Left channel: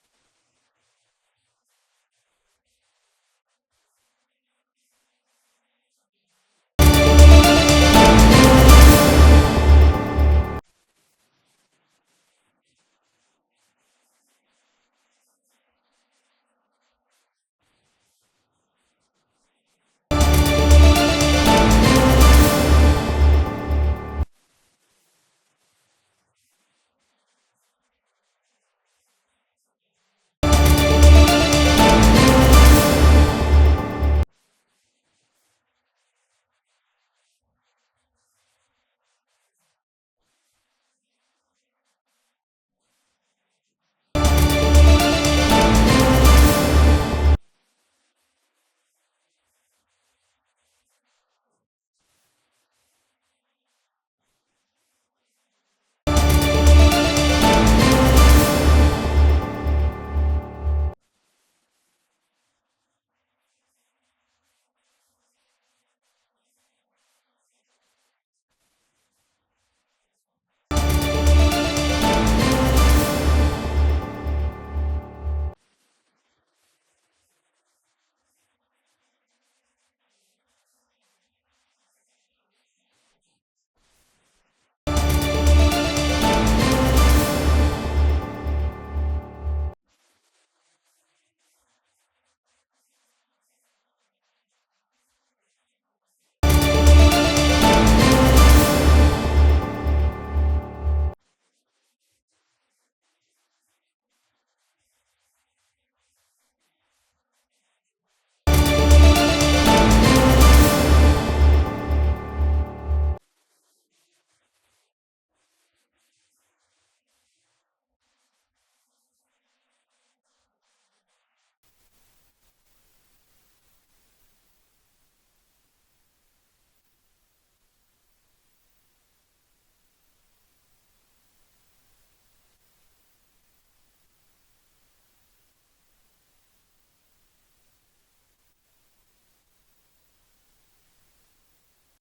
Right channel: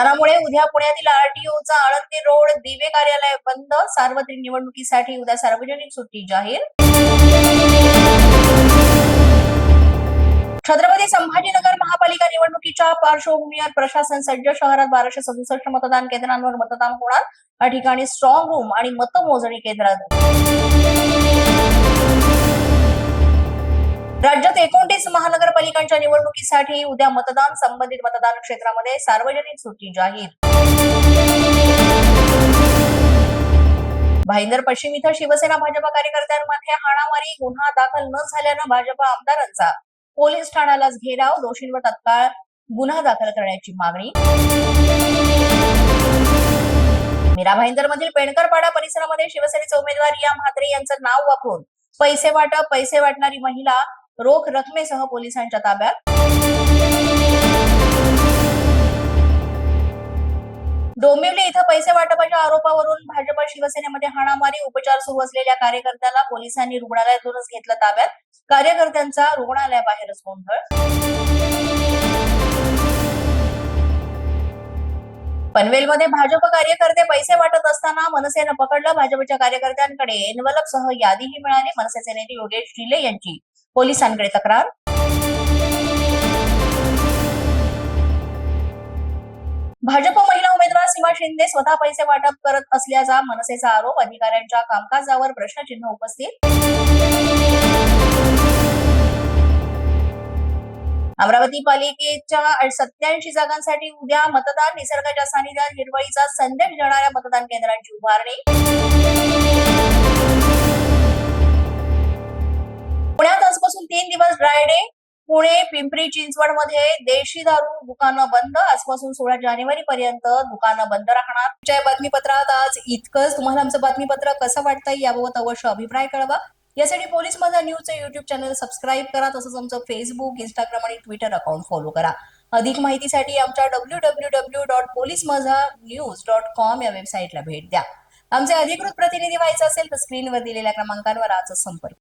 मतदानामुळे उद्या पुण्यातील आरटीओचा आळंदी रोड दिवे कार्यालय बंद. सार्वत्रिक निवडणुकीसाठी उद्या सार्वजनिक सुट्टी जाहीर. छत्रपती संभाजीनगर महापालिका निवडणुकीच्या पार्श्वभूमीवर प्रशासन सज्ज. शहरात 1267 मतदान केंद्रांवर मतदान होणार. या ठिकाणी स्ट्रॉंग रूम आणि मतमोजणी केंद्र. राज्यात 29 महानगरपालिकांच्या निवडणुकीसाठी उद्या मतदान. संबंधित मतदान क्षेत्रामध्ये सार्वजनिक सुट्टी जाहीर. भाईंदर पश्चिम इथं शिवसेना भाजप कार्यकर्त्यांमध्ये हाणामारी. गुन्हा दाखल न झाल्यानं भाजप आमदारांचा पोलीस ठाण्यालाच घेराव. दोषींवर तत्काळ गुन्हा दाखल करण्याची मागणी. मीरा भाईंदर मधील पेणकरपाडा परिसरामध्ये शिवसेनेचे उमेदवार रिया म्हात्रे यांचं नाव वापरून पैसे वाटणारी महिला रोख रकमेसह पोलिसांच्या ताब्यात. डोंबिवली इथं पैसे वाटपाच्या आरोपावरून भाजप शिवसेनेमध्ये हाणामारी. उपचार सुरू असलेल्या कार्यकर्त्याला पोलिसांनी रुग्णालयातूनच घेतलं ताब्यात. कार्यकर्त्यांचा रुग्णालयाबाहेरच गोंधळ. पनवेलमध्ये भाजप कार्यकर्ते पैसे वाटत असताना मनसेनं पकडलं. भाजपच्या कार्यकर्त्यांकडे एनवलपसह यादीही मिळाली. मनसेचे नेते योगेश जिले यांची पोलिसांकडे तक्रार. भाजप महिला उमेदवार सीमा शिंदे स्वतः पैसे वाटप करत असल्याचा मनसेचा आरोप. अधिकाऱ्यांच्या कामकाजावर प्रश्नचिन्ह उपस्थित. अमरावती पालिकेच्या 87 जागांसाठी उद्या मतदान. निसर्गाच्या सानिध्यात हिरवळीचा संदेश देणाऱ्या मतदान केंद्रांची उभारणी. पुण्यात आजपासून 3 दिवस ड्राय डे. पुणे पिंपरी चिंचवड मध्ये देशी दारू दुकानं बंद. आजपासून 16 जानेवारी पर्यंत दुकानं बंद राहणार. या बातमीपत्रात आज इतकंच. तुम्हाला आमचं बातमीपत्र कसं वाटतंय याबाबत अवश्य अभिप्राय कळवा. यासाठी पोलीस माझा न्यूजचं युट्यूब चॅनल सबस्क्राईब करा. तसंच आमचं फेसबुक, इंस्टाग्राम आणि ट्विटर अकाउंट फॉलो करा. अधिक माहितीसाठी आमच्या www.policemazanews.com या वेबसाईटला भेट द्या. आमचे अधिकृत प्रतिनिधी व्हायचं असेल तर स्क्रीनवर दिलेल्या क्रमांकावर आजच संपर्क